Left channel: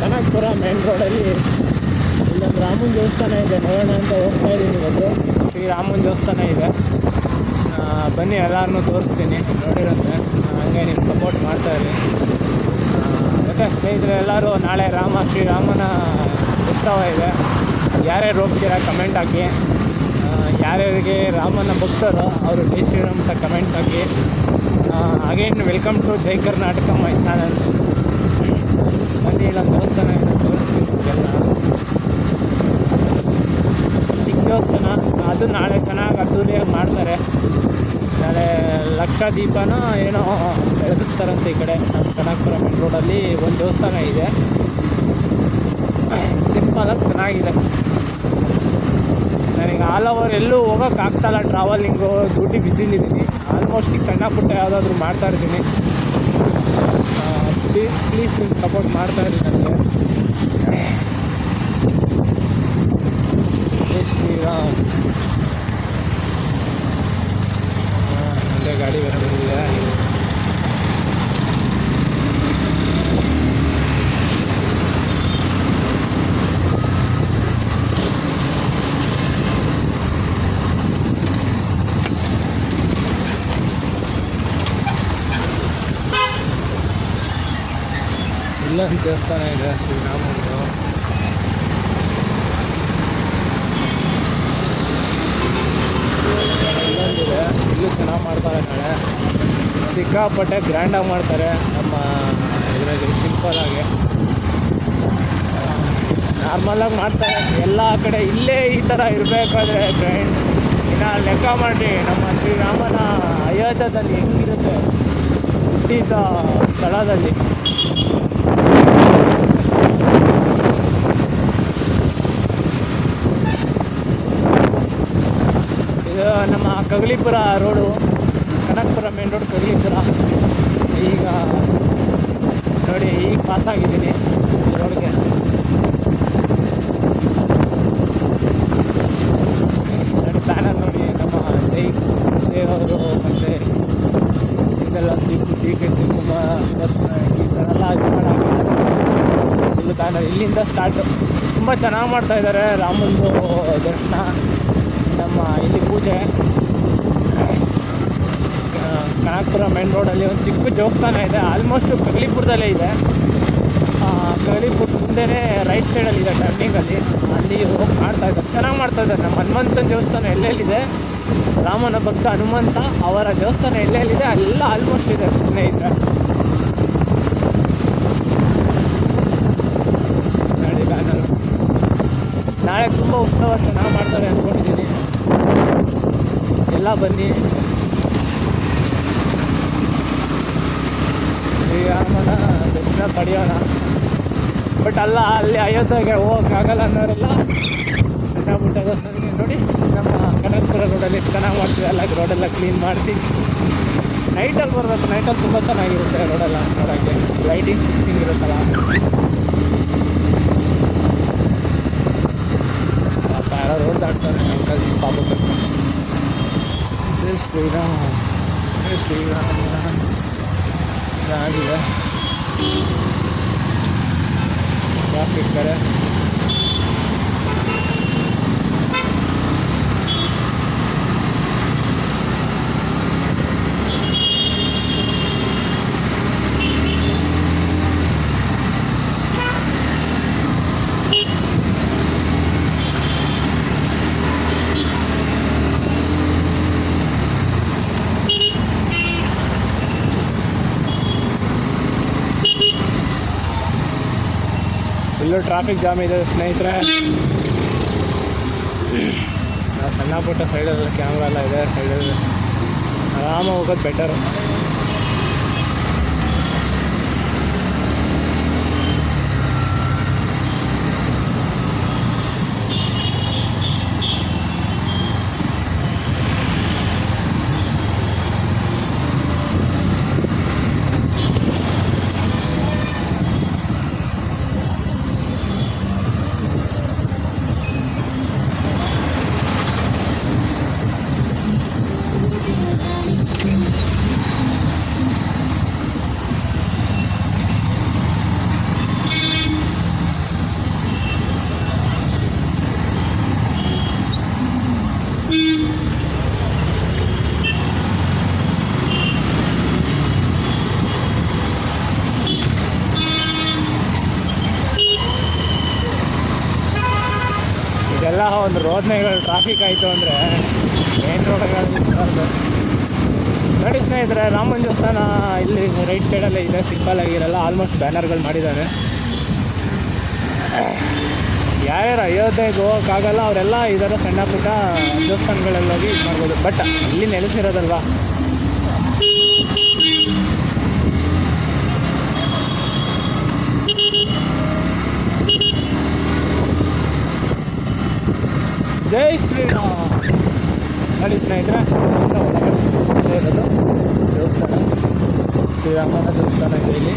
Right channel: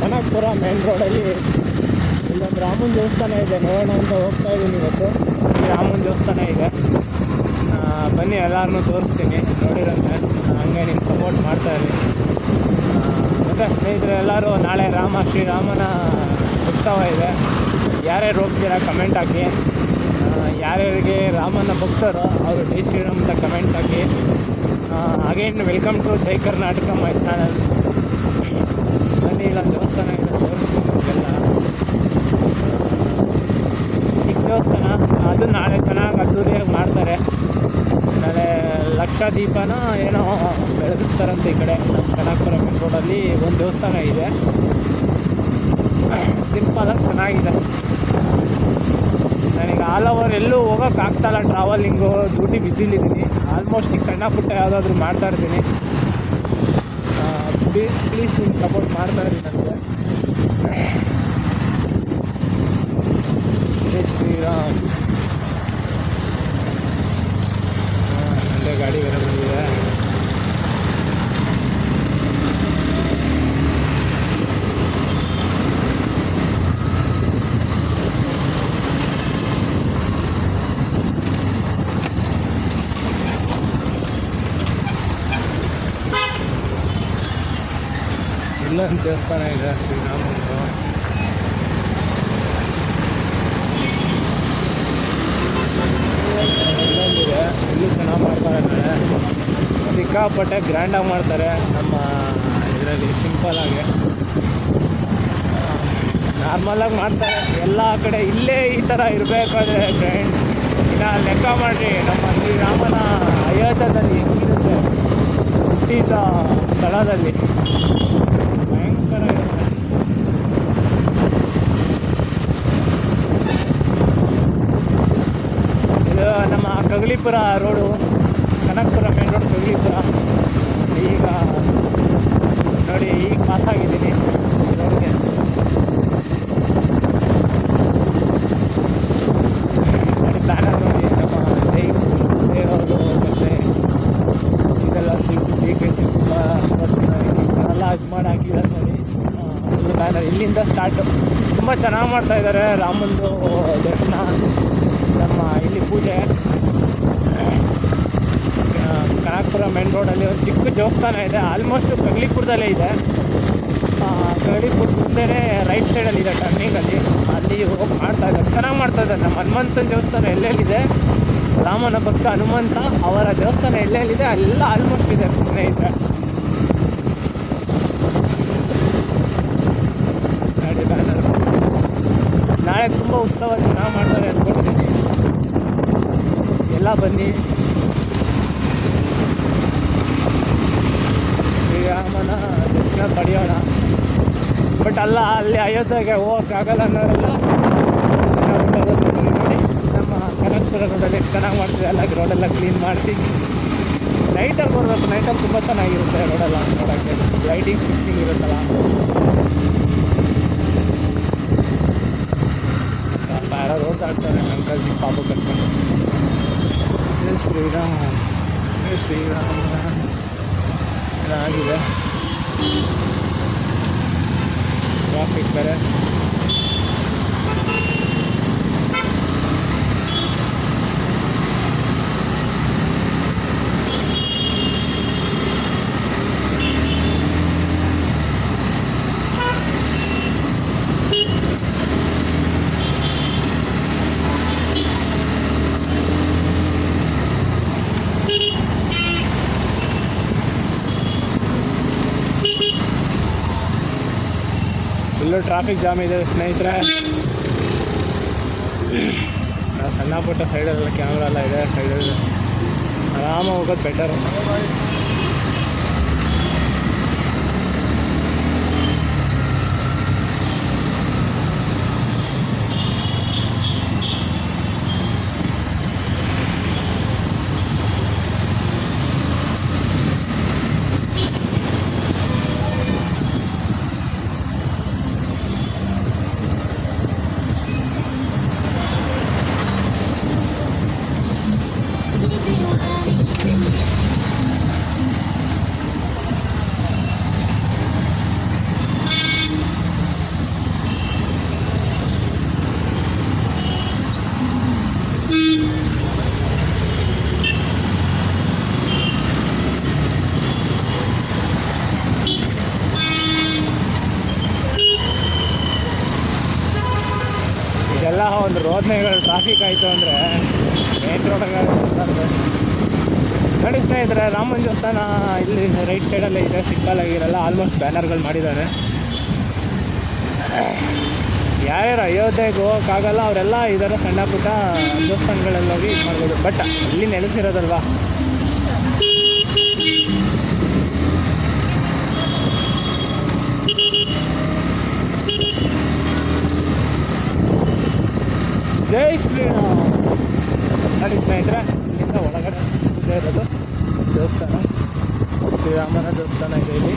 Kanakapura main ರೋಡಲ್ಲಿ ಇಲ್ಲೊಂದು ರಾಮನ ದೇವಸ್ಥಾನ ಇದೆ, ನೋಡೋಣ ಅಂತ ಹೋಗ್ತಾ ಇದ್ದೀನಿ ಇವತ್ತು. ಈ ರಾಮನ ದೇವಸ್ಥಾನ ಇದೆ. ಬನ್ನಿ ಎಲ್ಲರನ್ನೂ ತೋರಿಸ್ತೀನಿ. ನೋಡಿರಂತೆ. ಹಂಗೆ ನಿಮ್ಮ ಸಪೋರ್ಟ್ ಮಾಡ್ತಾಯಿರಿ ಮತ್ತು ಸ್ನೇಹಿತರೆ, ಎಲ್ಲರೂ ನಾಳೆ ರಾಮ ಶ್ರೀರಾಮನ ಉತ್ಸವ ಇದೆ. ಯಾರ್ಯಾರು ಹೋಗ್ತೀರಾ ಕಮೆಂಟ್ ಹಾಕಿ. ಯಾರ್ಯಾರಿಗೆ ರಾಮನ ಭಕ್ತರು, ಅವರು ಜೈ ಶ್ರೀರಾಮ್ ಅಂತ comments hockey. Again welcome to Jai Karnataka my channel ಇಲ್ಲೊಂದು ದೇವಸ್ಥಾನ ಇದೆ, ತೋರಿಸ್ತೀನಿ ನಿಮಗೆಲ್ಲ. ಚಿಕ್ಕ ದೇವಸ್ಥಾನ, ಅದು ನಾಳೆ ಚೆನ್ನಾಗಿ ಅದ್ದೂರಿಯಾಗಿ ಮಾಡ್ತಾರೆ. ನಾಳೆ ಲಕ್ಷ ದೀಪನ ಏನೋ ಬೆಳಗಿಸ್ತಾರಂತೆ ಈ ಕಡೆ ನಮ್ಮ ಕನಕಪುರ ಮೇನ್ ರೋಡಲ್ಲಿ ಒಂದು ದೇವಸ್ಥಾನ ಇದೆ. ಸಿಂಪಲಾಗಿ ಚೆನ್ನಾಗಿದೆ. ನನಗೆ ಆಲ್ ಓವರ್ ಎಲ್ಲೂ ಹೋಗೋಕ್ಕಾಗ್ತಾಯಿಲ್ಲ ಟ್ರಾವೆಲಿಂಗು ಡ್ಯೂಟಿ ಬ್ಯುಸಿಲಿದ್ದೀನಿ ಆಲ್ಮೋಸ್ಟ್ ಈಗ ಸಣ್ಣ ಪುಟ್ಟ ಯಾವುದಾದ್ರೂ ಮಾಡ್ತಾ ಇರ್ತೀನಿ ಪ್ಲೀಸ್ ನಿಮ್ಮ ಸಪೋರ್ಟ್ ಮಾಡ್ತಾ ಇರಿ ನನಗೆ. ಜೈ ಶ್ರೀರಾಮ್. ಅಲ್ಲೇ ಗಾಡಿ ಬೇರೆ ಬಂದಿದೆ. ಇಲ್ಲೊಂದು ದೇವಸ್ಥಾನ ಇದೆ ಶ್ರೀರಾಮಂದು ಇಲ್ಲೊಂದಿದೆ ಇಲ್ಲೂ ಚೆನ್ನಾಗಿ ಮಾಡ್ತಾರೆ ನಾಳೆ. ಸಿಕ್ಕಾಪಟ್ಟೆ ಗ್ರ್ಯಾಂಡಾಗಿ ಮಾಡ್ತಾರೆ ನಮ್ಮ ಇದರಲ್ಲಿ ಸಿಂಪಲಾಗಿ ನಾರ್ಮಲಾಗಿ ಮಾಡ್ತಾರೆ. ಎಲ್ಲ ಕಡೆ ಇಲ್ಲೇ ಈ ಥರ ಇರಬೇಕಾದ್ರೆ ಫ್ರೆಂಡ್ಸ್ ಇನ್ನು ಲೆಕ್ಕ ಮಾಡಿರಿ, ನಮ್ಮ ಶ್ರೀರಾಮನ ಅಯೋಧ್ಯದಲ್ಲಿ ಹೆಂಗಿರುತ್ತೆ, ಹುಟ್ಟಿದ ಸ್ಥಳದಲ್ಲಿ ಇದು ನಮ್ಮ Kaggalipura road, Kanakapura main road Kaggalipura ಈಗ ನೋಡಿ, ಈಗ ಪಾಸ್ ಆಗಿದ್ದೀನಿ ಈ ರೋಡ್ಗೆ. ನೋಡಿ ಬ್ಯಾನರ್ ನೋಡಿ, ನಮ್ಮ ಜೈ ದೇವರು ಮತ್ತು ಇದೆಲ್ಲ ಸಿಟ್ಟು ಡಿ ಕೆ ಶಿವಕುಮಾರ್ ಈ ಥರ ಎಲ್ಲ ಇದು ಮಾಡಿ ಹಾಕಿದ್ದಾರೆ. ಫುಲ್ ಬ್ಯಾನರ್ ಇಲ್ಲಿಂದ ಸ್ಟಾರ್ಟು ತುಂಬ ಚೆನ್ನಾಗಿ ಮಾಡ್ತಾ ಇದ್ದಾರೆ. ರಾಮಂದು ದರ್ಶನ. ನಮ್ಮ ಇಲ್ಲಿ ಪೂಜೆ. ಕನಕಪುರ ಮೇನ್ ರೋಡಲ್ಲಿ ಒಂದು ಚಿಕ್ಕ ದೇವಸ್ಥಾನ ಇದೆ. ಆಲ್ಮೋಸ್ಟ್ ಕಗ್ಲಿಪುರದಲ್ಲೇ ಇದೆ. ಕಗ್ಲಿಪುರ ಮುಂದೆನೇ ರೈಟ್ ಸೈಡಲ್ಲಿ ಇದೆ ಟರ್ನಿಂಗಲ್ಲಿ ಅಲ್ಲಿ. ಹೋಗಿ ಮಾಡ್ತಾ ಇದ್ದಾರೆ. ಚೆನ್ನಾಗಿ ಮಾಡ್ತಾ ಇದ್ದಾರೆ. ನಮ್ಮ ಹನುಮಂತನ ದೇವಸ್ಥಾನ ಎಲ್ಲೆಲ್ಲಿದೆ? ರಾಮನ ಭಕ್ತ ಹನುಮಂತ ಅವರ ದೇವಸ್ಥಾನ ಎಲ್ಲೆಲ್ಲಿದೆ? ಎಲ್ಲ ಆಲ್ಮೋಸ್ಟ್ ಇದೆ ಸ್ನೇಹಿತರೆ. ನೋಡಿ ಬ್ಯಾನರ್. ನಾಳೆ ತುಂಬ ಉತ್ಸವ ಚೆನ್ನಾಗಿ ಮಾಡ್ತಾರೆ ಅಂದ್ಕೊಂಡಿದ್ದೀನಿ ಎಲ್ಲ ಬನ್ನಿ. ಶ್ರೀರಾಮನ ದರ್ಶನ ಪಡೆಯೋಣ. ಬಟ್ ಅಲ್ಲ, ಅಲ್ಲಿ ಅಯೋಧ್ಯೆಗೆ ಹೋಗೋಕ್ಕಾಗಲ್ಲ ಅನ್ನೋರೆಲ್ಲ ಸಣ್ಣ ಪುಟ್ಟ ಸರಿ ನೋಡಿ, ನಮ್ಮ ಕನಕಪುರ ರೋಡಲ್ಲಿ ಚೆನ್ನಾಗಿ ಮಾಡ್ತೀವಿ. ಅಲ್ಲ ರೋಡೆಲ್ಲ ಕ್ಲೀನ್ ಮಾಡಿಸಿ ನೈಟಲ್ಲಿ ಬರಬೇಕು. ನೈಟಲ್ಲಿ ತುಂಬ ಚೆನ್ನಾಗಿರುತ್ತೆ ರೋಡೆಲ್ಲ ನೋಡೋಕ್ಕೆ. ಲೈಟಿಂಗ್ ಫಿಕ್ಸಿಂಗ್ ಇರುತ್ತಲ್ಲ. ಪಾಪ ಯಾರೋ ರೋಡ್ ದಾಟ್ತಾರೆ ಅಂಕಲ್ ಚಿಕ್ಕ ಪಾಪ ಕರ್ಕೊಂಡು ಜೈ ಶ್ರೀರಾಮ್ ಜೈ ಶ್ರೀರಾಮ ಆಗಿದೆ ಟ್ರಾಫಿಕ್ ಬೇರೆ ಫುಲ್ಲು ಟ್ರಾಫಿಕ್ ಜಾಮ್ ಇದೆ, ಸ್ನೇಹಿತರೆ. ಸಣ್ಣ ಪುಟ್ಟ ಸೈಡಲ್ಲೆಲ್ಲ ಕ್ಯಾಮ್ರಾ ಎಲ್ಲ ಇದೆ ಸೈಡಲ್ಲಿ ಆರಾಮಾಗಿ ಹೋಗೋದು ಬೆಟರು ಒಂದು ರೋಡ್ನೆಗಳು ಟ್ರಾಫಿಕ್ ಆಯಿತು ಅಂದರೆ ಮೇನ್ ರೋಡ್ಗಳು ನೋಡಿ ಸ್ನೇಹಿತರೆ, ರಾಮನ ದೇವಸ್ಥಾನ ಇಲ್ಲಿ ರೈಟ್ ಸೈಡಲ್ಲೇ ಇದೆ, ಸಿಂಪಲ್ ಆಗಿರಲ್ಲ ಆಲ್ಮೋಸ್ಟ್ ಬ್ಯಾನರ್ಗಳು ಮಾಡಿದ್ದಾರೆ. ಯಾರ್ಯಾರು ಅಯೋಧ್ಯೆಗೆ ಹೋಗೋಕ್ಕಾಗಲ್ಲ ಅವರೆಲ್ಲ ಈ ಸಣ್ಣ ಪುಟ್ಟ ದೇವಸ್ಥಾನಗಳಲ್ಲಿ ಹೋಗಿ ಇದು ಮಾಡ್ಬೋದು. ಬಟ್ ಅಲ್ಲಿ ನೆಲೆಸಿರೋದಲ್ವಾ? ಜೈ ಶ್ರೀರಾಮ್ ನೋಡಿ ಸ್ನೇಹಿತರೆ ಇಲ್ಲಿಂದ ಒಳಗಡೆ. ಇಲ್ಲೇ ಇರೋದು ದೇವಸ್ಥಾನ. ಶ್ರೀರಾಮನ ದೇವಸ್ಥಾನ ಇದೆ ಇಲ್ಲಿ.